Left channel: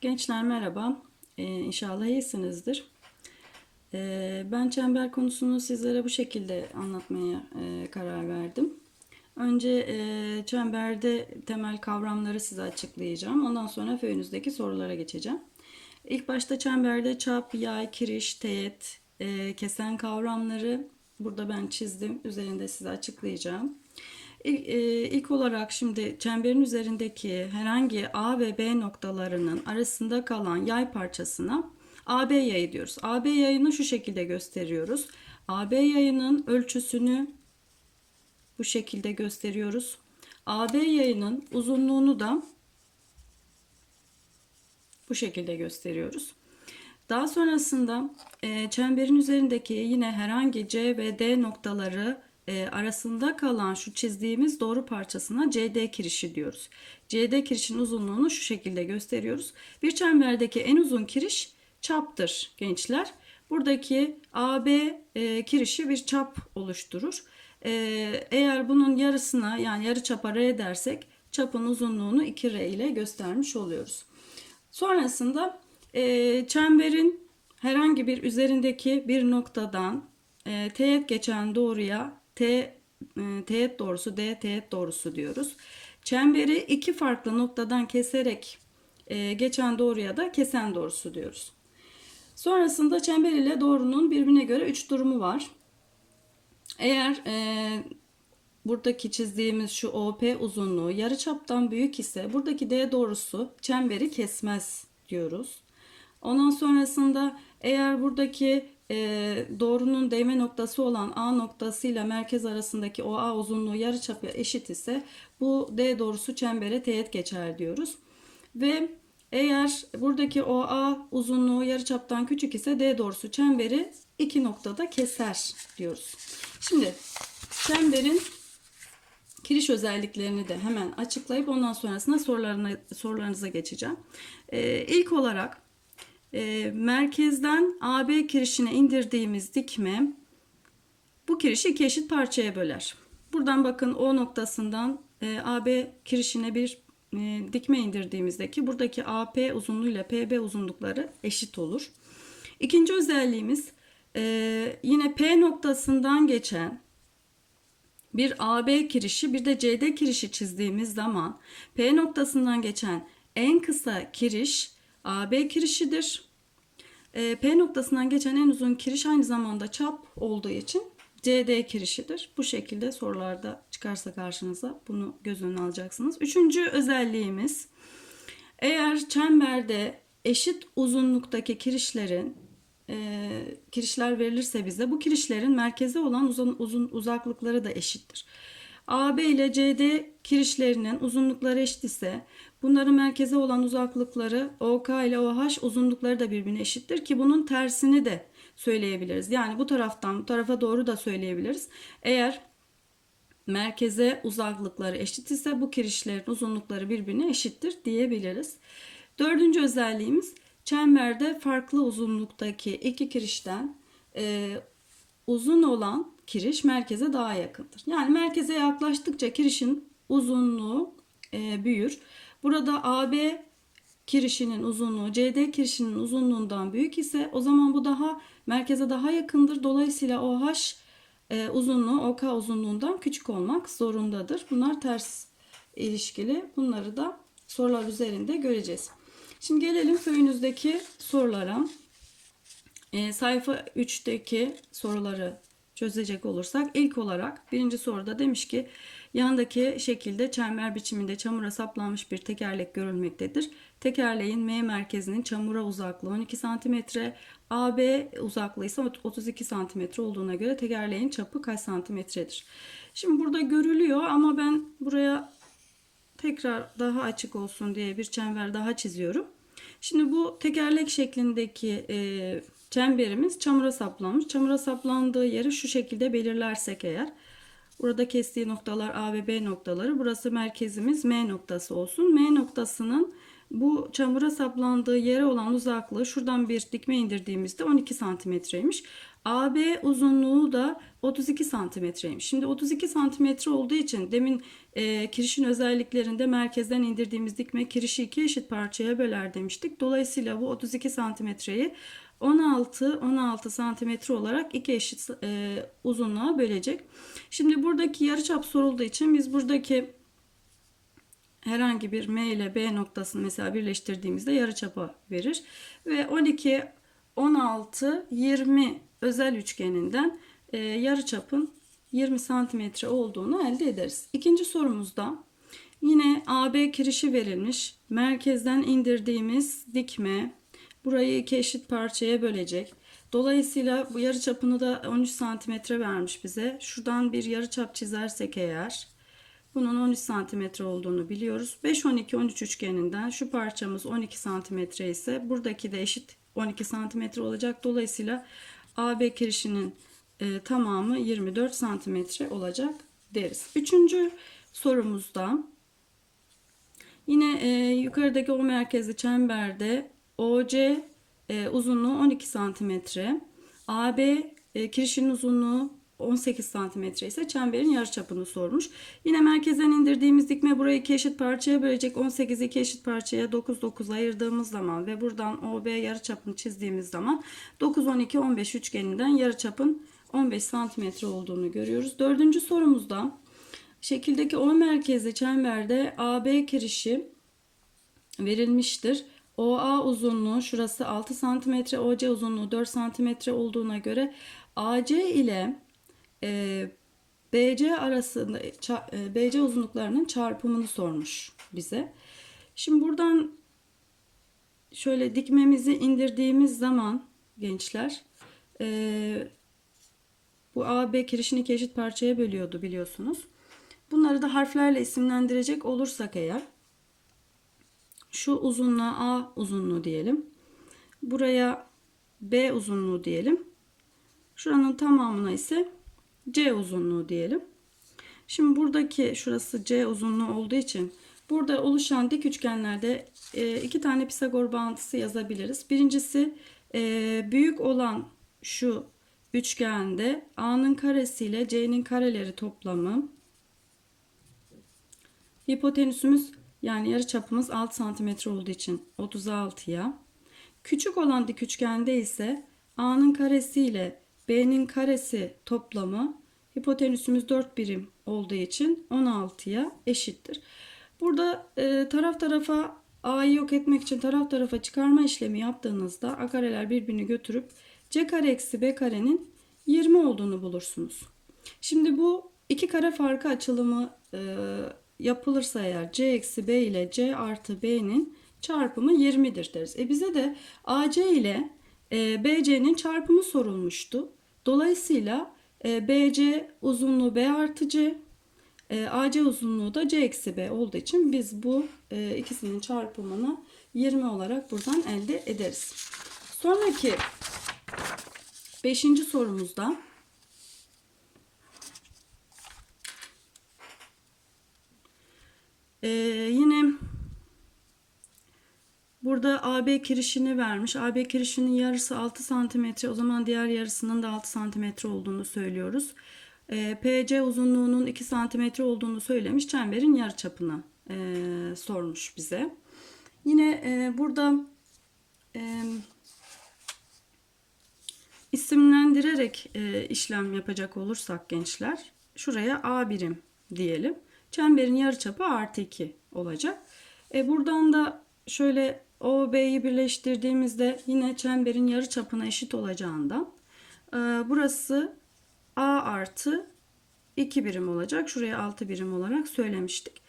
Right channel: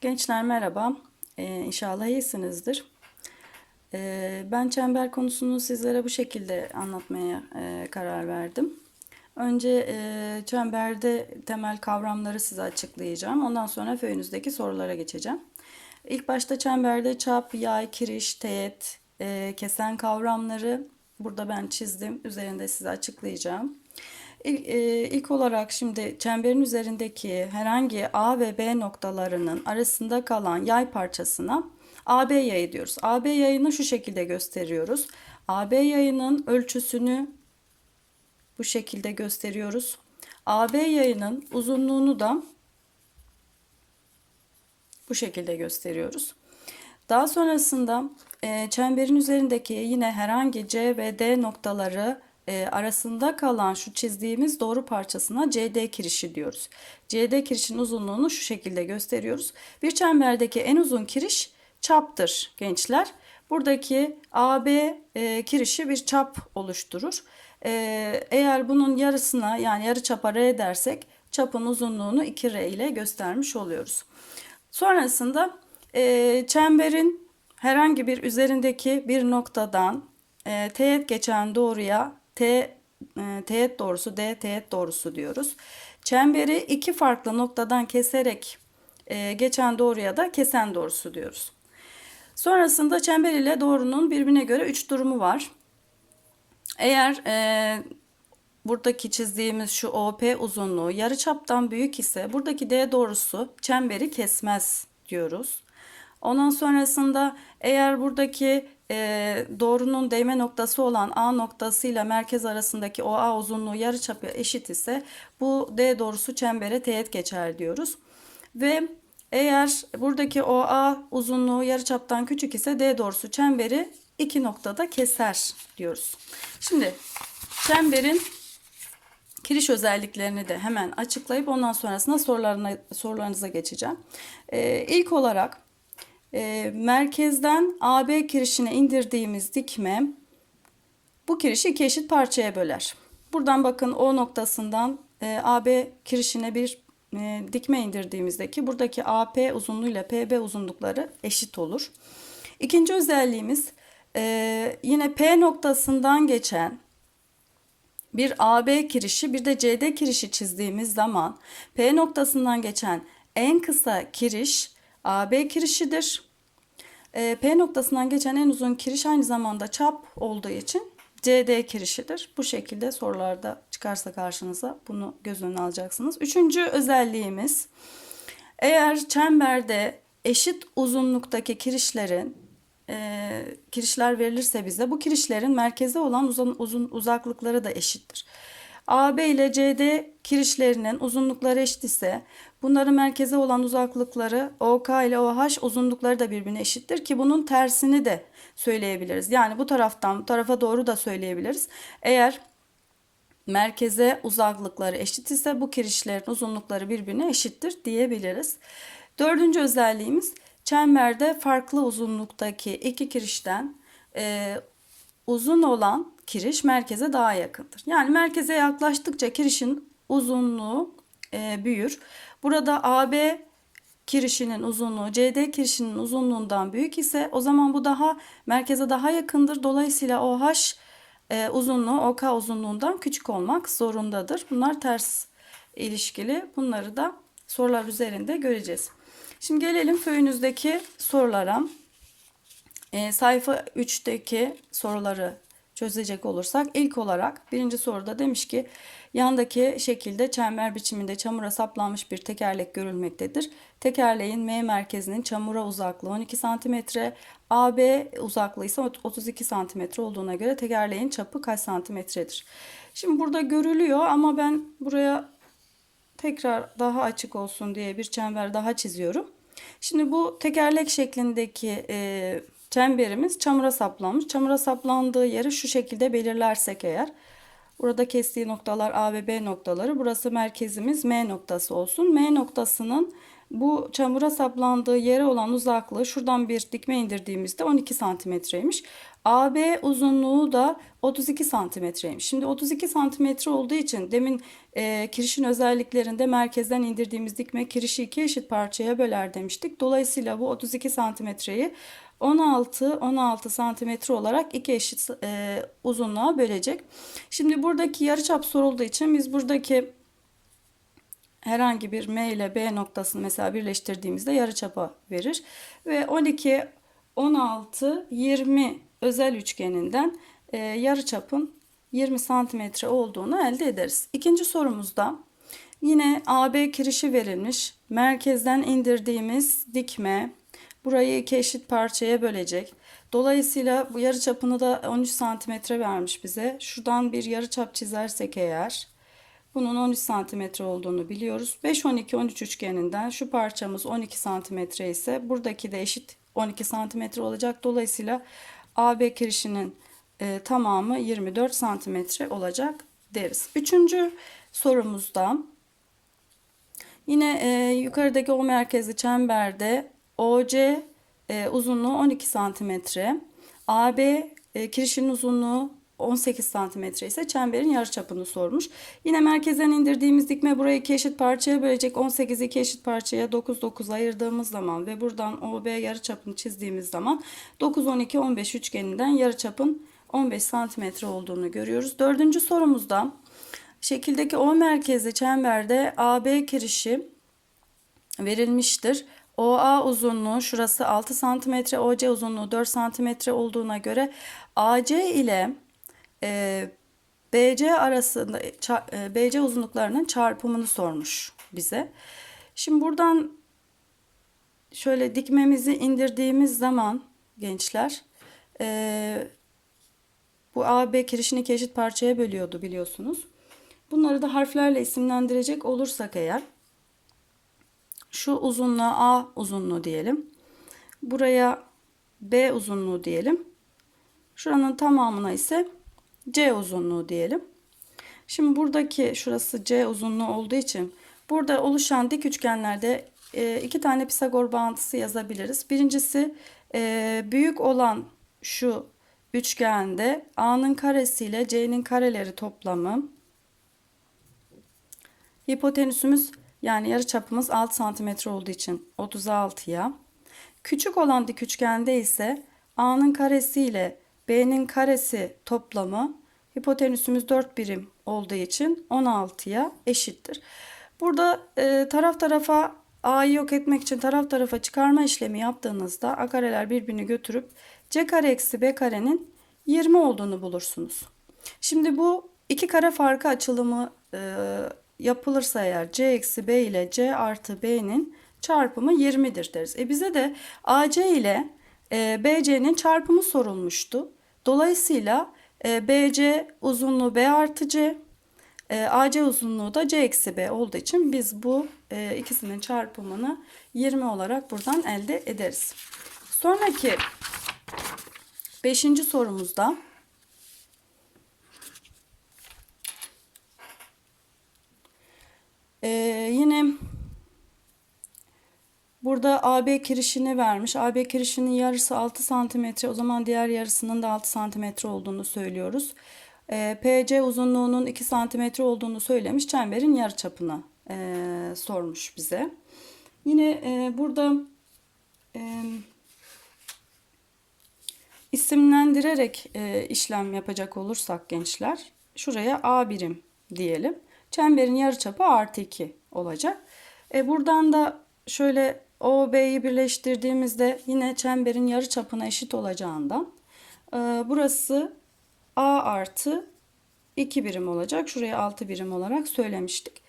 Gençler merhaba. Ee, inşallah iyisinizdir. Ee, ben çember konusunu sizlere bu şekilde anlatmaya e, karar verdim. Önce e, çemberde temel kavramları size açıklayacağım. Ondan sonra föyünüzdeki sorulara geçeceğim. İlk başta çemberde çap, yay, kiriş, teğet, e, kesen kavramları burada ben çizdim. Üzerinde size açıklayacağım. İlk, e, ilk olarak şimdi çemberin üzerindeki herhangi A ve B noktalarının arasında kalan yay parçasına AB yayı diyoruz. AB yayını şu şekilde gösteriyoruz. AB yayının ölçüsünü bu şekilde gösteriyoruz. AB yayının uzunluğunu da bu şekilde gösteriyoruz. Daha sonrasında e, çemberin üzerindeki yine herhangi C ve D noktaları e, arasında kalan şu çizdiğimiz doğru parçasına CD kirişi diyoruz. CD kirişin uzunluğunu şu şekilde gösteriyoruz. Bir çemberdeki en uzun kiriş çaptır gençler. Buradaki AB e, kirişi bir çap oluşturur. E, eğer bunun yarısına yani yarı çapa R dersek çapın uzunluğunu 2R ile göstermiş oluyoruz. Sonrasında e, çemberin herhangi bir üzerindeki bir noktadan e, teğet geçen doğruya T e, teğet doğrusu D teğet doğrusu diyoruz. Çemberi iki farklı noktadan keserek e, geçen doğruya da kesen doğrusu diyoruz. Sonrasında çember ile doğrunun birbirine göre üç durumu var. Eğer e, buradaki çizdiğimiz şu OP uzunluğu yarıçaptan büyük ise buradaki D doğrusu çemberi kesmez diyoruz. Ondan sonrasında eğer buradaki e, doğrunun değme noktası olan A noktası ile merkez arasındaki OA uzunluğu yarıçapı eşit ise bu D doğrusu çembere teğet geçer diyoruz. Ve eğer buradaki OA uzunluğu yarıçaptan küçük ise D doğrusu çemberi iki noktada keser diyoruz. Şimdi çemberin kiriş özelliklerini de hemen açıklayıp ondan sonrasında sorularına, sorularınıza geçeceğim. Ee, ilk olarak e, merkezden AB kirişine indirdiğimiz dikme bu kirişi iki eşit parçaya böler. Buradan bakın O noktasından e, AB kirişine bir e, dikme indirdiğimizdeki buradaki AP uzunluğu ile PB uzunlukları eşit olur. İkinci özelliğimiz e, yine P noktasından geçen bir AB kirişi bir de CD kirişi çizdiğimiz zaman P noktasından geçen en kısa kiriş AB kirişidir. E, P noktasından geçen en uzun kiriş aynı zamanda çap olduğu için CD kirişidir. Bu şekilde sorularda çıkarsa karşınıza bunu göz önüne alacaksınız. Üçüncü özelliğimiz eğer çemberde eşit uzunluktaki kirişlerin e, kirişler verilirse bize bu kirişlerin merkeze olan uzun, uzun uzaklıkları da eşittir. AB ile CD kirişlerinin uzunlukları eşit ise bunların merkeze olan uzaklıkları OK ile OH uzunlukları da birbirine eşittir ki bunun tersini de söyleyebiliriz. Yani bu taraftan bu tarafa doğru da söyleyebiliriz. Eğer merkeze uzaklıkları eşit ise bu kirişlerin uzunlukları birbirine eşittir diyebiliriz. Dördüncü özelliğimiz çemberde farklı uzunluktaki iki kirişten e, uzun olan kiriş merkeze daha yakındır. Yani merkeze yaklaştıkça kirişin uzunluğu e, büyür. Burada AB kirişinin uzunluğu CD kirişinin uzunluğundan büyük ise o zaman bu daha merkeze daha yakındır. Dolayısıyla OH e, uzunluğu OK uzunluğundan küçük olmak zorundadır. Bunlar ters ilişkili. Bunları da sorular üzerinde göreceğiz. Şimdi gelelim köyünüzdeki sorulara. E, sayfa 3'teki soruları çözecek olursak ilk olarak birinci soruda demiş ki yandaki şekilde çember biçiminde çamura saplanmış bir tekerlek görülmektedir. Tekerleğin M merkezinin çamura uzaklığı 12 cm, AB uzaklığı ise 32 cm olduğuna göre tekerleğin çapı kaç santimetredir? Şimdi burada görülüyor ama ben buraya tekrar daha açık olsun diye bir çember daha çiziyorum. Şimdi bu tekerlek şeklindeki e, çemberimiz çamura saplanmış. Çamura saplandığı yeri şu şekilde belirlersek eğer. Burada kestiği noktalar A ve B noktaları. Burası merkezimiz M noktası olsun. M noktasının bu çamura saplandığı yere olan uzaklığı şuradan bir dikme indirdiğimizde 12 santimetreymiş. AB uzunluğu da 32 santimetreymiş. Şimdi 32 santimetre olduğu için demin e, kirişin özelliklerinde merkezden indirdiğimiz dikme kirişi iki eşit parçaya böler demiştik. Dolayısıyla bu 32 santimetreyi 16 16 santimetre olarak iki eşit e, uzunluğa bölecek. Şimdi buradaki yarıçap sorulduğu için biz buradaki herhangi bir M ile B noktasını mesela birleştirdiğimizde yarıçapa verir. Ve 12, 16, 20 özel üçgeninden e, yarıçapın 20 santimetre olduğunu elde ederiz. İkinci sorumuzda yine AB kirişi verilmiş. Merkezden indirdiğimiz dikme burayı iki eşit parçaya bölecek. Dolayısıyla bu yarıçapını da 13 santimetre vermiş bize. Şuradan bir yarıçap çizersek eğer bunun 13 santimetre olduğunu biliyoruz. 5, 12, 13 üçgeninden şu parçamız 12 santimetre ise buradaki de eşit 12 santimetre olacak. Dolayısıyla AB kirişinin e, tamamı 24 santimetre olacak deriz. Üçüncü sorumuzda yine e, yukarıdaki o merkezli çemberde OC e, uzunluğu 12 santimetre. AB e, kirişin uzunluğu 18 santimetre ise çemberin yarıçapını sormuş. Yine merkezden indirdiğimiz dikme burayı iki eşit parçaya bölecek. 18 iki eşit parçaya 9 9 ayırdığımız zaman ve buradan OB yarıçapını çizdiğimiz zaman 9 12 15 üçgeninden yarıçapın 15 santimetre olduğunu görüyoruz. Dördüncü sorumuzda şekildeki O merkezli çemberde AB kirişi verilmiştir. OA uzunluğu şurası 6 cm, OC uzunluğu 4 cm olduğuna göre AC ile e, BC arasında e, BC uzunluklarının çarpımını sormuş bize. Şimdi buradan şöyle dikmemizi indirdiğimiz zaman gençler e, bu AB kirişini iki eşit parçaya bölüyordu biliyorsunuz. Bunları da harflerle isimlendirecek olursak eğer şu uzunluğa A uzunluğu diyelim. Buraya B uzunluğu diyelim. Şuranın tamamına ise C uzunluğu diyelim. Şimdi buradaki şurası C uzunluğu olduğu için burada oluşan dik üçgenlerde e, iki tane Pisagor bağıntısı yazabiliriz. Birincisi e, büyük olan şu üçgende A'nın karesi ile C'nin kareleri toplamı hipotenüsümüz yani yarı çapımız 6 cm olduğu için 36'ya. Küçük olan dik üçgende ise A'nın karesi ile B'nin karesi toplamı hipotenüsümüz 4 birim olduğu için 16'ya eşittir. Burada e, taraf tarafa A'yı yok etmek için taraf tarafa çıkarma işlemi yaptığınızda A kareler birbirini götürüp C kare eksi B karenin 20 olduğunu bulursunuz. Şimdi bu iki kare farkı açılımı e, yapılırsa eğer C eksi B ile C artı B'nin çarpımı 20'dir deriz. E bize de AC ile e, BC'nin çarpımı sorulmuştu. Dolayısıyla e, BC uzunluğu B artı C, e, AC uzunluğu da C eksi B olduğu için biz bu e, ikisinin çarpımını 20 olarak buradan elde ederiz. Sonraki 5. sorumuzda Ee, yine burada AB kirişini vermiş. AB kirişinin yarısı 6 santimetre. O zaman diğer yarısının da 6 santimetre olduğunu söylüyoruz. Ee, PC uzunluğunun 2 santimetre olduğunu söylemiş. Çemberin yarıçapını e, sormuş bize. Yine e, burada e, isimlendirerek e, işlem yapacak olursak gençler şuraya A birim diyelim. Çemberin yarıçapı artı 2 olacak. E buradan da şöyle OB'yi birleştirdiğimizde yine çemberin yarıçapına eşit olacağından e, burası A artı 2 birim olacak. Şuraya 6 birim olarak söylemiştik.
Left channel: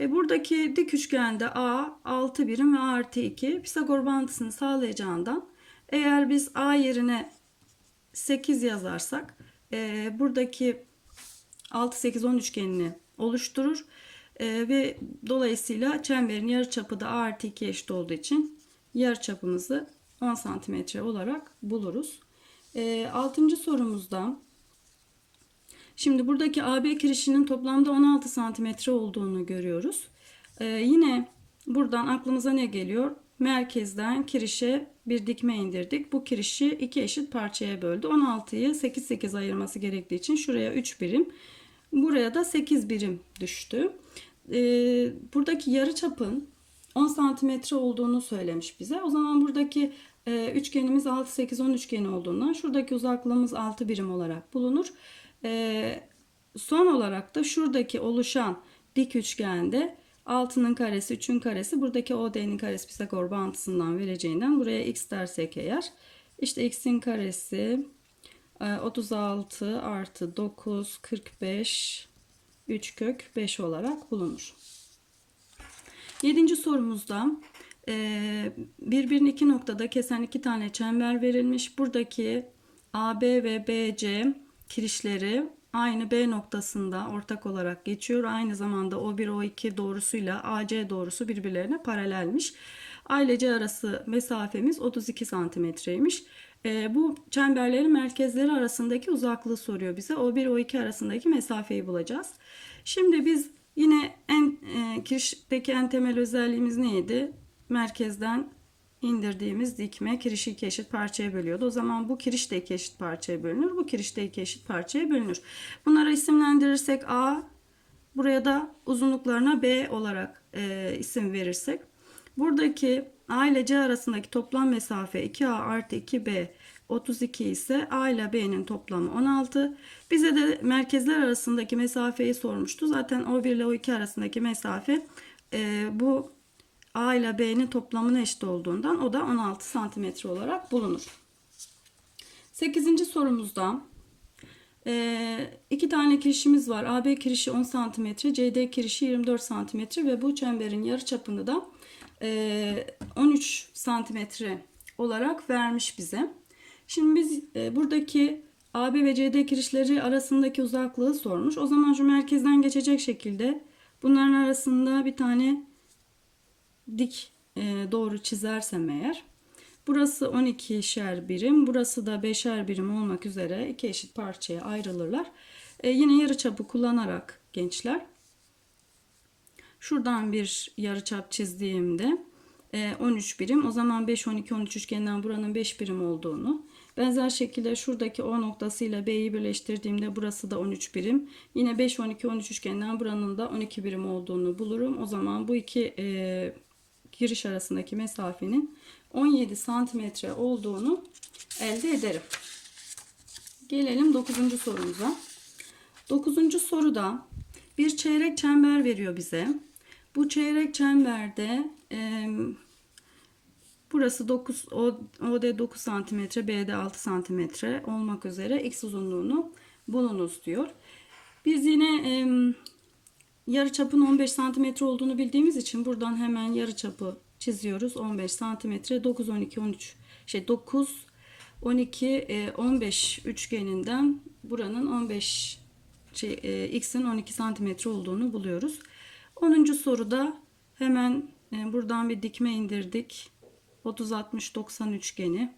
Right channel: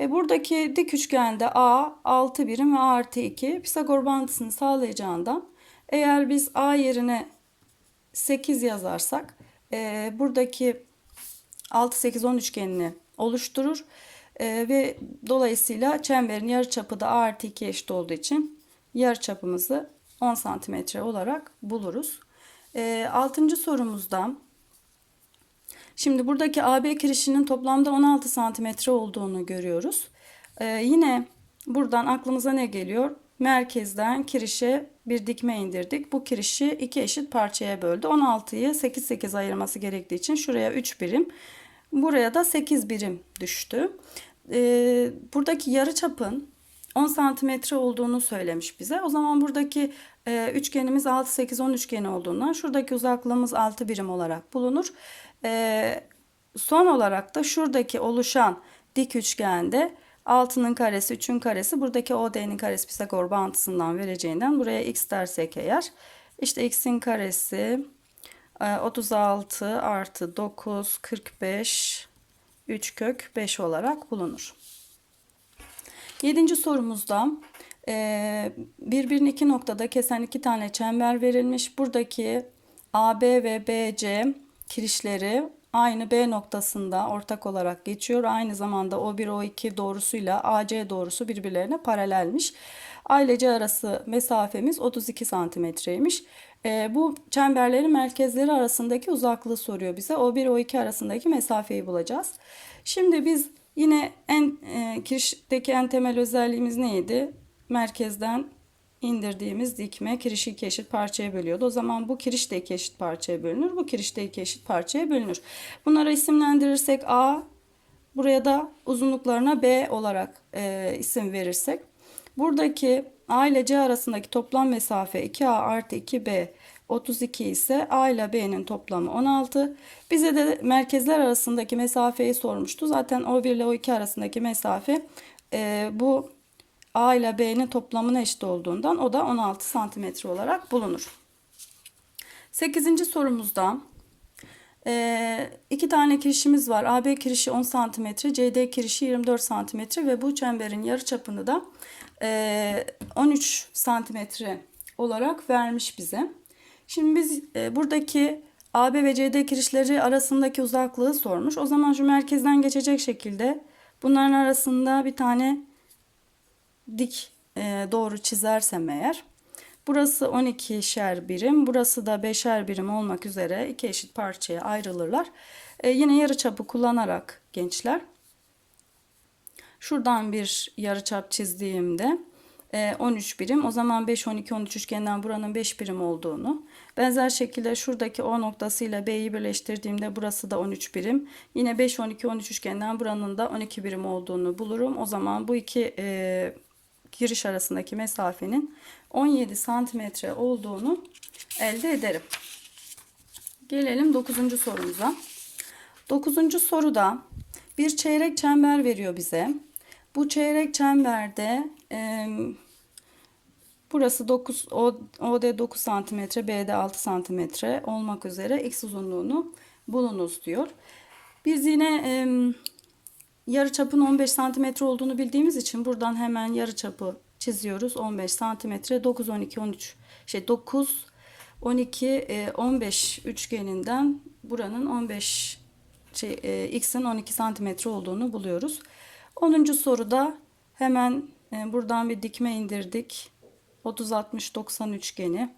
E buradaki dik üçgende A 6 birim ve A artı 2 Pisagor bağıntısını sağlayacağından eğer biz A yerine 8 yazarsak e, buradaki 6 8 10 üçgenini oluşturur. E, ve dolayısıyla çemberin yarıçapı da A artı 2 eşit olduğu için yarıçapımızı 10 santimetre olarak buluruz. E, 6. sorumuzda şimdi buradaki AB kirişinin toplamda 16 santimetre olduğunu görüyoruz. E, yine buradan aklımıza ne geliyor? merkezden kirişe bir dikme indirdik. Bu kirişi iki eşit parçaya böldü. 16'yı 8 8 ayırması gerektiği için şuraya 3 birim, buraya da 8 birim düştü. Ee, buradaki yarı çapın 10 santimetre olduğunu söylemiş bize. O zaman buradaki e, üçgenimiz 6 8 10 üçgeni olduğundan şuradaki uzaklığımız 6 birim olarak bulunur. E, son olarak da şuradaki oluşan dik üçgende 6'nın karesi 3'ün karesi buradaki OD'nin karesi Pisagor bağıntısından vereceğinden buraya x dersek eğer işte x'in karesi 36 e, artı 9 45 3 kök 5 olarak bulunur. Yedinci sorumuzda e, birbirini iki noktada kesen iki tane çember verilmiş. Buradaki AB ve BC kirişleri aynı B noktasında ortak olarak geçiyor. Aynı zamanda O1 O2 doğrusuyla AC doğrusu birbirlerine paralelmiş. Ailece arası mesafemiz 32 santimetreymiş. E, bu çemberlerin merkezleri arasındaki uzaklığı soruyor bize. O1 O2 arasındaki mesafeyi bulacağız. Şimdi biz yine en e, kirişteki en temel özelliğimiz neydi? Merkezden indirdiğimiz dikme kirişi iki eşit parçaya bölüyordu. O zaman bu kiriş de iki eşit parçaya bölünür. Bu kiriş de iki eşit parçaya bölünür. Bunlara isimlendirirsek A, buraya da uzunluklarına B olarak e, isim verirsek. Buradaki A ile C arasındaki toplam mesafe 2A artı 2B 32 ise A ile B'nin toplamı 16. Bize de merkezler arasındaki mesafeyi sormuştu. Zaten O1 ile O2 arasındaki mesafe e, bu A ile B'nin toplamına eşit olduğundan o da 16 santimetre olarak bulunur. 8. sorumuzda e, iki tane kirişimiz var. AB kirişi 10 santimetre, CD kirişi 24 santimetre ve bu çemberin yarı çapını da e, 13 santimetre olarak vermiş bize. Şimdi biz e, buradaki AB ve CD kirişleri arasındaki uzaklığı sormuş. O zaman şu merkezden geçecek şekilde bunların arasında bir tane dik e, doğru çizersem eğer burası 12'şer birim burası da 5'er birim olmak üzere iki eşit parçaya ayrılırlar. E, yine yarıçapı kullanarak gençler şuradan bir yarıçap çizdiğimde 13 e, birim. O zaman 5, 12, 13 üçgeninden buranın 5 birim olduğunu. Benzer şekilde şuradaki O noktasıyla B'yi birleştirdiğimde burası da 13 birim. Yine 5, 12, 13 üçgeninden buranın da 12 birim olduğunu bulurum. O zaman bu iki e, giriş arasındaki mesafenin 17 santimetre olduğunu elde ederim. Gelelim 9. sorumuza. 9. soruda bir çeyrek çember veriyor bize. Bu çeyrek çemberde e, burası 9 OD 9 cm, BD 6 cm olmak üzere x uzunluğunu bulunuz diyor. Biz yine e, yarı çapın 15 cm olduğunu bildiğimiz için buradan hemen yarı çapı çiziyoruz. 15 cm 9 12 13 şey 9 12 15 üçgeninden buranın 15 şey, e, x'in 12 cm olduğunu buluyoruz. 10. soruda hemen e, buradan bir dikme indirdik. 30 60 90 üçgeni.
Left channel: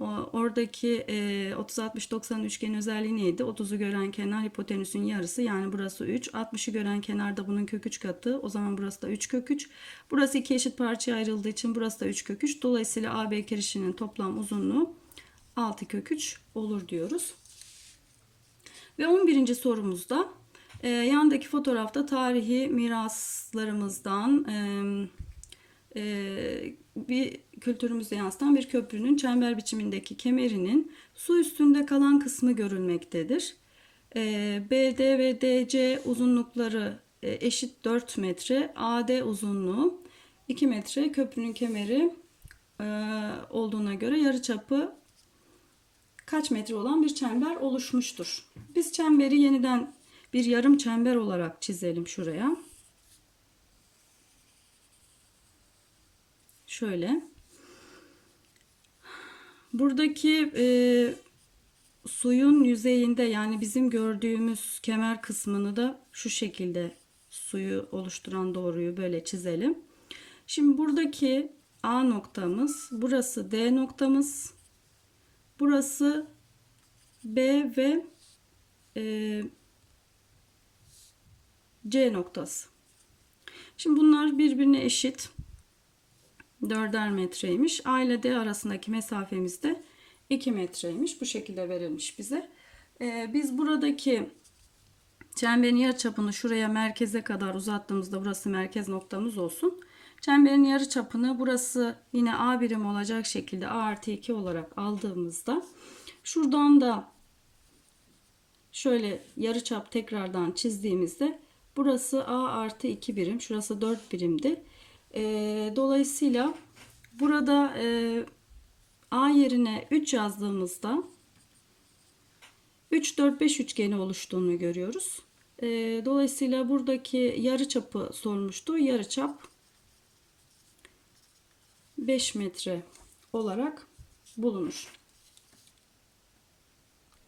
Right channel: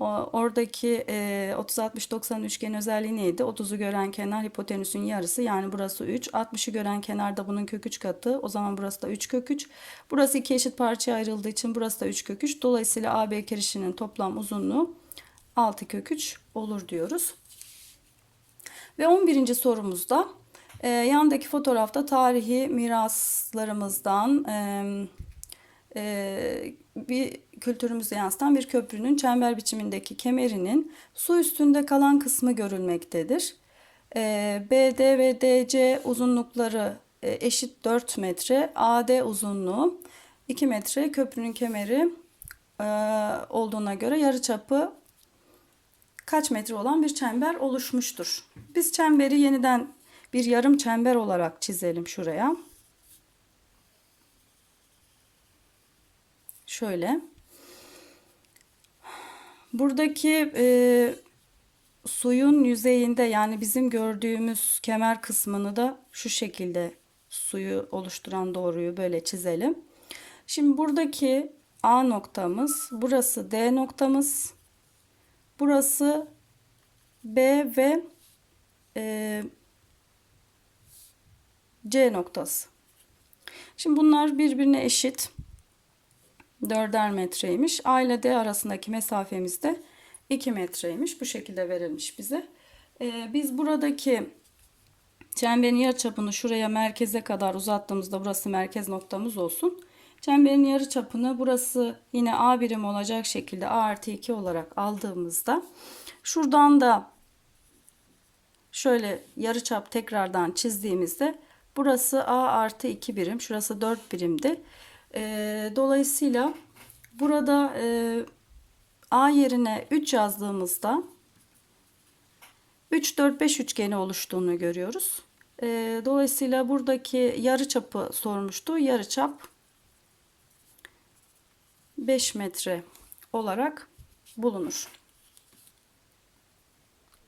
Oradaki e, 30-60-90 üçgen özelliği neydi? 30'u gören kenar hipotenüsün yarısı yani burası 3. 60'ı gören kenar da bunun kök 3 katı. O zaman burası da 3 kök 3. Burası iki eşit parçaya ayrıldığı için burası da 3 kök 3. Dolayısıyla AB kirişinin toplam uzunluğu 6 kök 3 olur diyoruz. Ve 11. sorumuzda yandaki fotoğrafta tarihi miraslarımızdan bir kültürümüze yansıtan bir köprünün çember biçimindeki kemerinin su üstünde kalan kısmı görülmektedir. BD ve DC uzunlukları eşit 4 metre, AD uzunluğu 2 metre, köprünün kemeri olduğuna göre yarıçapı kaç metre olan bir çember oluşmuştur. Biz çemberi yeniden bir yarım çember olarak çizelim şuraya. Şöyle. Buradaki e, suyun yüzeyinde yani bizim gördüğümüz kemer kısmını da şu şekilde suyu oluşturan doğruyu böyle çizelim. Şimdi buradaki A noktamız, burası D noktamız, burası B ve e, C noktası. Şimdi bunlar birbirine eşit. 4'er metreymiş. A ile D arasındaki mesafemiz de 2 metreymiş. Bu şekilde verilmiş bize. Ee, biz buradaki çemberin yarıçapını şuraya merkeze kadar uzattığımızda burası merkez noktamız olsun. Çemberin yarıçapını burası yine A birim olacak şekilde A artı 2 olarak aldığımızda şuradan da şöyle yarıçap tekrardan çizdiğimizde burası A artı 2 birim. Şurası 4 birimdi. Ee, dolayısıyla burada e, A yerine 3 yazdığımızda 3, 4, 5 üçgeni oluştuğunu görüyoruz. Ee, dolayısıyla buradaki yarıçapı sormuştu. Yarıçap 5 metre olarak bulunur.